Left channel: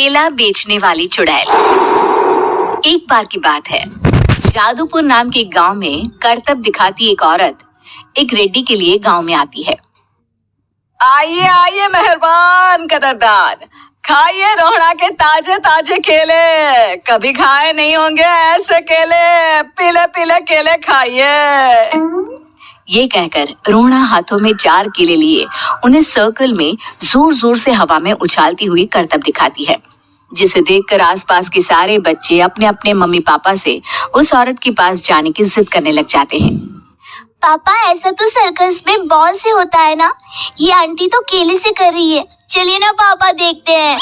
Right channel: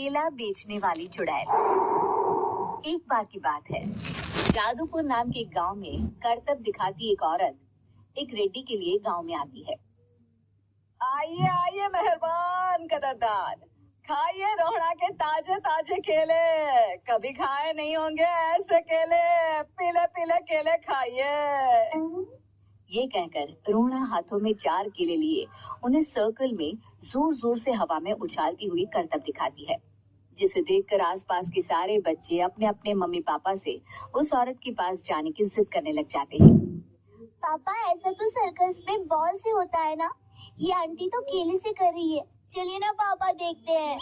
केला बेचने वाली चुड़ैल। एक बार की बात है, जादूपुर नाम के एक गांव में करतब दिखाती एक औरत एक रेड्डी के लिए गांव में आती है। आइए आइए मेहरबान कदरदान, खाइए रोहड़ा के ताजे ताजे केले, कभी खाए नहीं होंगे ऐसे केले, पीले पीले केले खाइए। ये कहकर रोहड़ा हाथों में 4 केले लिए उन्हें सर्कल में जोर जोर से हवा में उछालती हुई करतब दिखाती है, जिसे देखकर आसपास के सारे बच्चे अपने अपने मम्मी पापा से उस औरत के पास जाने की जिद करने लग जाते हैं। पापा, ऐसा तो सर्कस में बॉल से होता है ना, ये आंटी तो केले से कर रही है, चलिए ना पापा देखते हैं।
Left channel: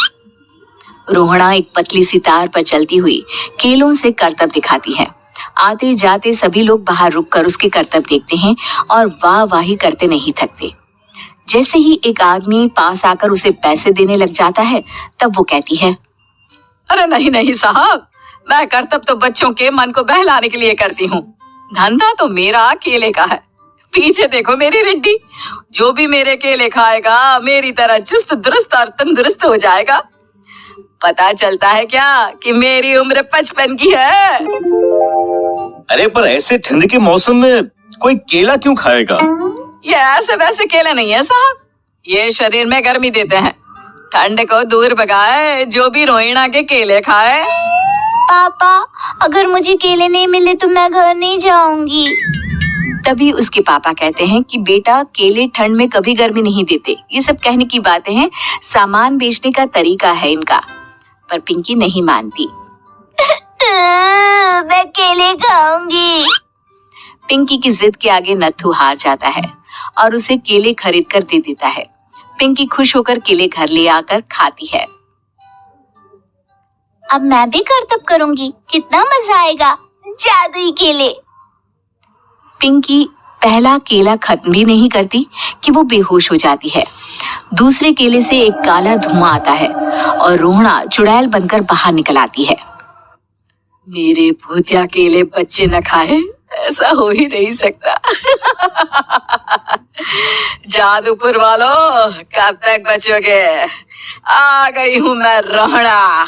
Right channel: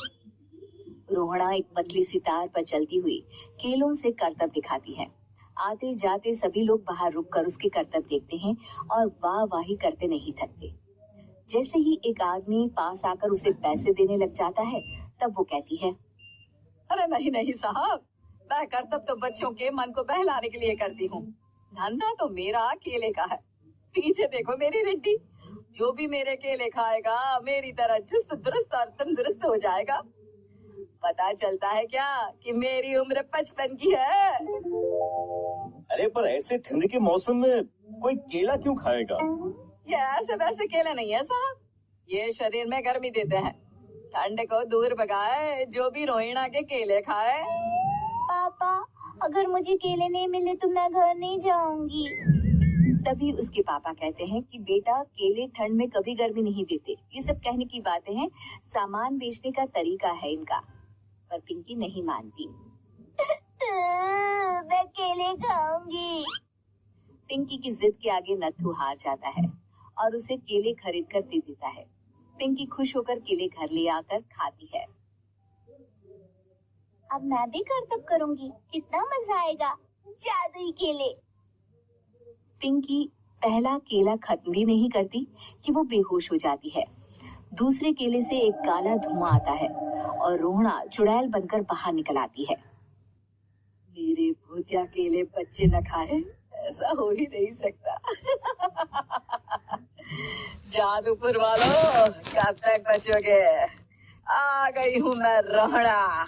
रोहड़ा एक पतली सी तार पर चलती हुई केलों से करतब दिखाती है। आते जाते सभी लोग बाहर रुककर उसके करतब देखते हैं और वाह वाही करते नहीं थकते। जैसे ही एक आदमी पास आकर उसे पैसे देने लग जाता है, तब वो कहती है, अरे नहीं नहीं साहब, मैं करतब तो बच्चों के मन को बहलाने के लिए करती हूँ, धंधा तो मेरा केले का है। पीछे देखो मेरी रिड्डी, जो भी मेरे केले खाएगा मेरी तरह चुस्त दुरुस्त और तंदुरुस्त हो जाएगा। पता चलता है क्या कि मेरी उम्र 55 की है। अरे पर ऐसे ठंड के मौसम में कोई केला क्यों खाएगा? ये ऐसे वैसे केले नहीं है साहब, ये शरीर में गर्मी देते हैं, ठंड को दूर भगाए जो भी रोहिणा के केले खाए। पापा, अगर मुझे केले नहीं मिले तो मैं घर नहीं जाऊंगी। तभी उसके पापा कहते हैं कि बेटा, केले ठंड में कभी गर्मी नहीं देते। ये सब कहने की बातें हैं, सामान बेचने का तरीका है इनका। पर पिंकी नहीं मानती। मैं केले खाऊंगी। पिंकी की जिद के आगे नत्थू हार जाता है और उसे केले खरीद कर दे देता है। पिंकी खुश होकर केले घर ले आकर खाती है। अब मैं भी करतब करूंगी, कितना मजा आएगा, जादुई केले। पिंकी पहला केला खत्म भी नहीं करती कि वो बेहोश हो जाती है। दूसरे केले से एक काला धुआं आता है और रोहड़ा चुड़ैल बनकर बाहर निकल आती है। मेरे भूतिया केले बच्चे न खाए, ऐसा हो ही नहीं सकता। जादूपुर वालों, कब तक बचोगे? आ गई हूँ मैं रोहड़ा,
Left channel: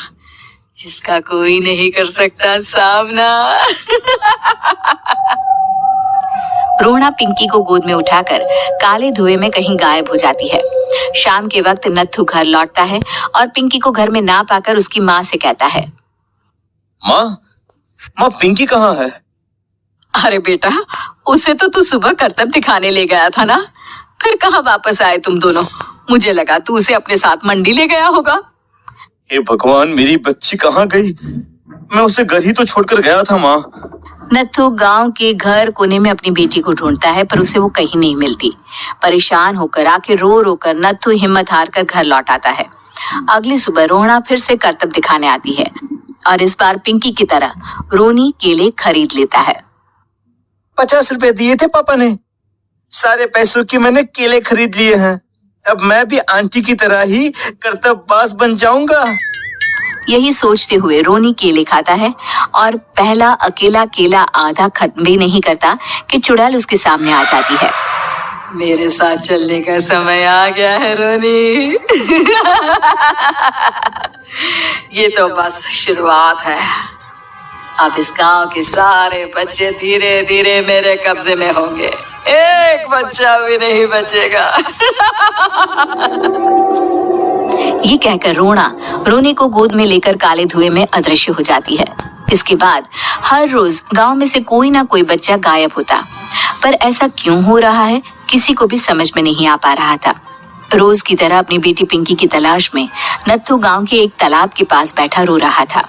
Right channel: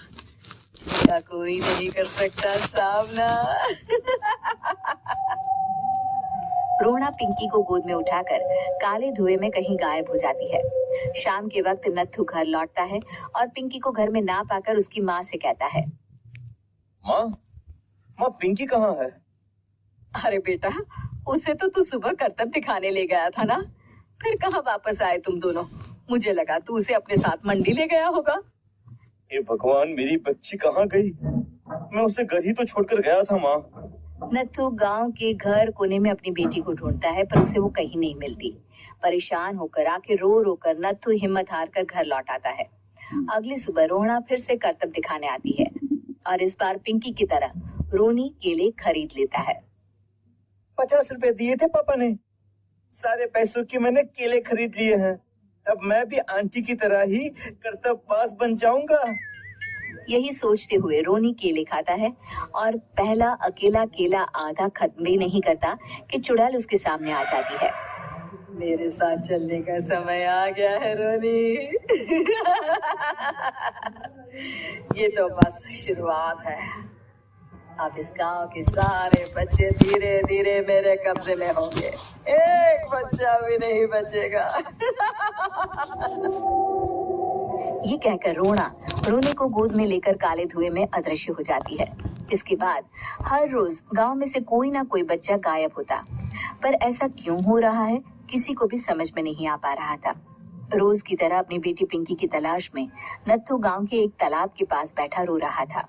जिसका कोई नहीं कर सकता सामना। रोहड़ा पिंकी को गोद में उठाकर काले धुएं में कहीं गायब हो जाती है। शाम के वक्त नत्थू घर लौटता है और पिंकी को घर में ना पाकर उसकी माँ से कहता है, माँ पिंकी कहाँ है? अरे बेटा, उसे तो तू सुबह करतब दिखाने ले गया था ना, फिर कहाँ वापस आए तुम दोनों? मुझे लगा तू उसे अपने साथ मंडी ले गया होगा। हे भगवान, मेरी बच्ची कहाँ गई? मैं उसे घर ही तो छोड़कर गया था माँ। नत्थू गांव के घर कोने में अपनी बेटी को ढूंढता है, पर उसे वो कहीं नहीं मिलती। परेशान होकर आखिर रो रो कर नत्थू हिम्मत हार कर घर लौट आता है। अगली सुबह रोहड़ा फिर से करतब दिखाने आती है और इस बार पिंकी की तरह रोनी केले खरीद लेता है। 50 रुपए दिए थे पापा ने, सारे पैसों की मैंने केले खरीद लिए हैं। अब मैं भी आंटी की तरह ही करतबबाज बन जाऊंगा। यही सोचते हुए रोनी केले खाता है और पहला अकेला केला आधा खत्म भी नहीं करता कि चुड़ैल उसके सामने आ जाती है। मेरे साथ चलने का समय आ गया है रोनी। ये तो बस शुरुआत है, अब इस गांव के सारे बच्चे धीरे धीरे मेरे कब्जे में होंगे, एक बच्चा भी नहीं बचेगा। ये कहकर रोना रोनी को गोद में लेकर काले धुएं में अदृश्य हो जाती है। इसके बाद हर रोज गांव में से कोई ना कोई बच्चा गायब होता, पर ऐसा क्यों हो रहा है किसी को भी समझ में नहीं आ पा रहा था। रोज की तरह अपनी बेटी पिंकी की तलाश में नत्थू गांव के एक तालाब के पास बैठा रो रहा था।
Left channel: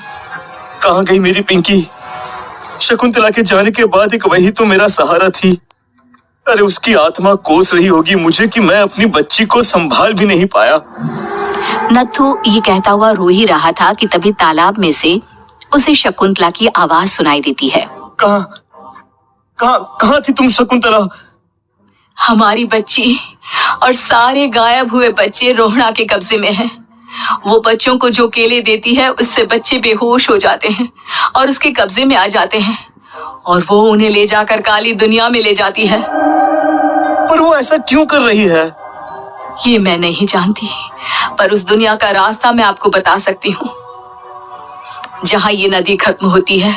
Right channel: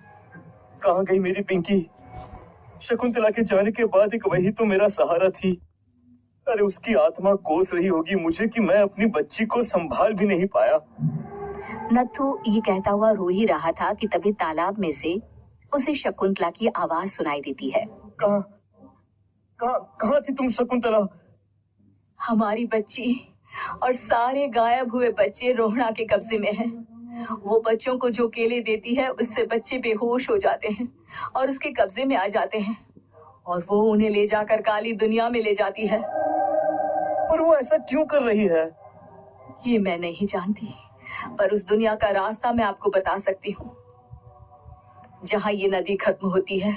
कहाँ गई मेरी पिंकी? शकुंतला के जाने के बाद एक वही तो मेरा सहारा थी। अरे उसकी आत्मा कोस रही होगी मुझे कि मैं अपनी बच्ची को संभाल भी नहीं पाया। नत्थू ये कहता हुआ रो ही रहा था कि तभी तालाब में से उसे शकुंतला की आवाज सुनाई देती है। कहाँ थी तुम शकुंतला? हमारी बच्ची और सारे गायब हुए बच्चे रोहड़ा के कब्जे में हैं। वो बच्चों को जो केले देती है उससे बच्चे बेहोश हो जाते हैं और उसके कब्जे में आ जाते हैं और वो उन्हें ले जाकर काली दुनिया में ले जाती है। पर वो ऐसा क्यों कर रही है? ये मैं नहीं जानती, पर उस दुनिया का रास्ता मैं आपको बता सकती हूँ। जहाँ ये नदी खत्म होती है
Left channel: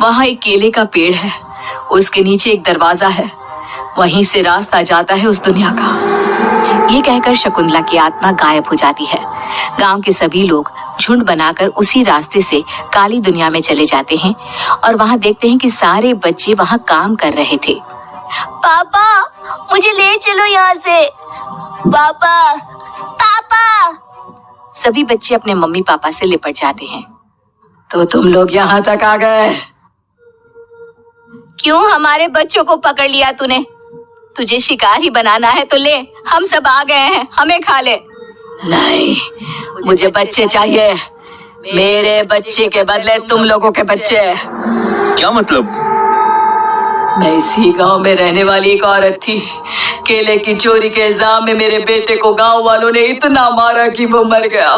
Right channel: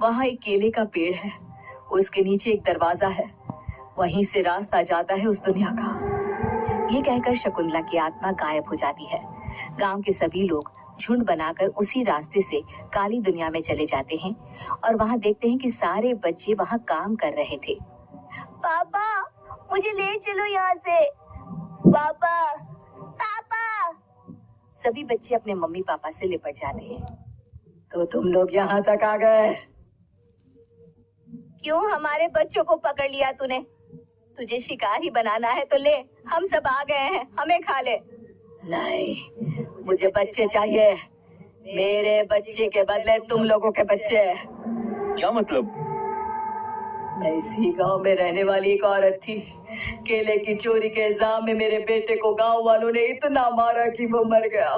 वहाँ एक केले का पेड़ है, उसके नीचे एक दरवाजा है, वहीं से रास्ता जाता है उस दुनिया का। ये कहकर शकुंतला की आत्मा गायब हो जाती है। गांव के सभी लोग झुंड बनाकर उसी रास्ते से काली दुनिया में चले जाते हैं और वहां देखते हैं कि सारे बच्चे वहां काम कर रहे थे। पापा मुझे ले चलो यहाँ से। पापा पापा। सभी बच्चे अपने मम्मी पापा से लिपट जाते हैं। तो तुम लोग यहाँ तक आ गए? क्यों हमारे बच्चों को पकड़ लिया तूने? तुझे शिकार ही बनाना है तो ले, हम सब आ गए हैं, हमें खा ले। नहीं, मुझे बच्चे चाहिए। मेरे बच्चे के बदले तुम लोगों के बच्चे। क्या मतलब? मैं इसी गांव में रहने वाली एक औरत थी। केले की चोरी के इल्जाम में मेरे बेटे को गांव वालों ने इतना मारा कि वो मर गया।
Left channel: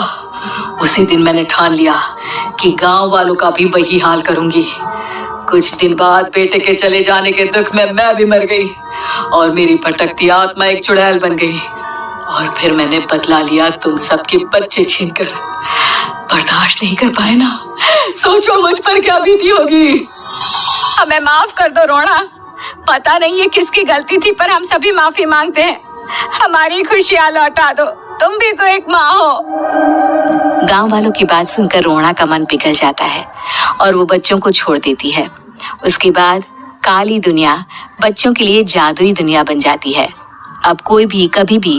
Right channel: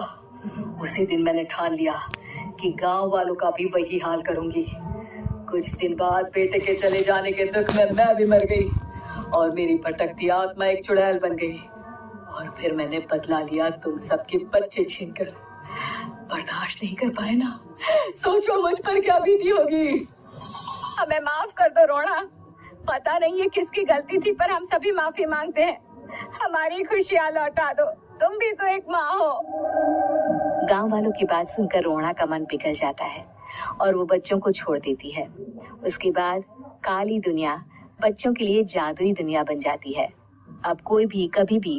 उसी दिन मैंने ठान लिया कि गांव वालों का भी वही हाल करूंगी। कुछ दिन बाद बेटे के चले जाने के दुख में मैं भी मर गई और मेरी भटकती आत्मा एक चुड़ैल बन गई। और फिर मैंने बदला लिया तुम सबके बच्चे छीनकर। बर्दाश्त नहीं कर पाए ना? सोचो मुझ पर क्या बीती होगी। हमें माफ कर दो रोना। पता नहीं ये किसकी गलती थी, पर हम सभी माफी मांगते हैं। हमारी खुशियां लौटा दो, तुम भी तो एक माँ हो। गांव वालों की बात सुनकर रोना का मन पिघल जाता है और वो बच्चों को छोड़ देती है। उसके बाद काली दुनिया बच्चों के लिए जादुई दुनिया बन जाती है। अब कोई भी कभी भी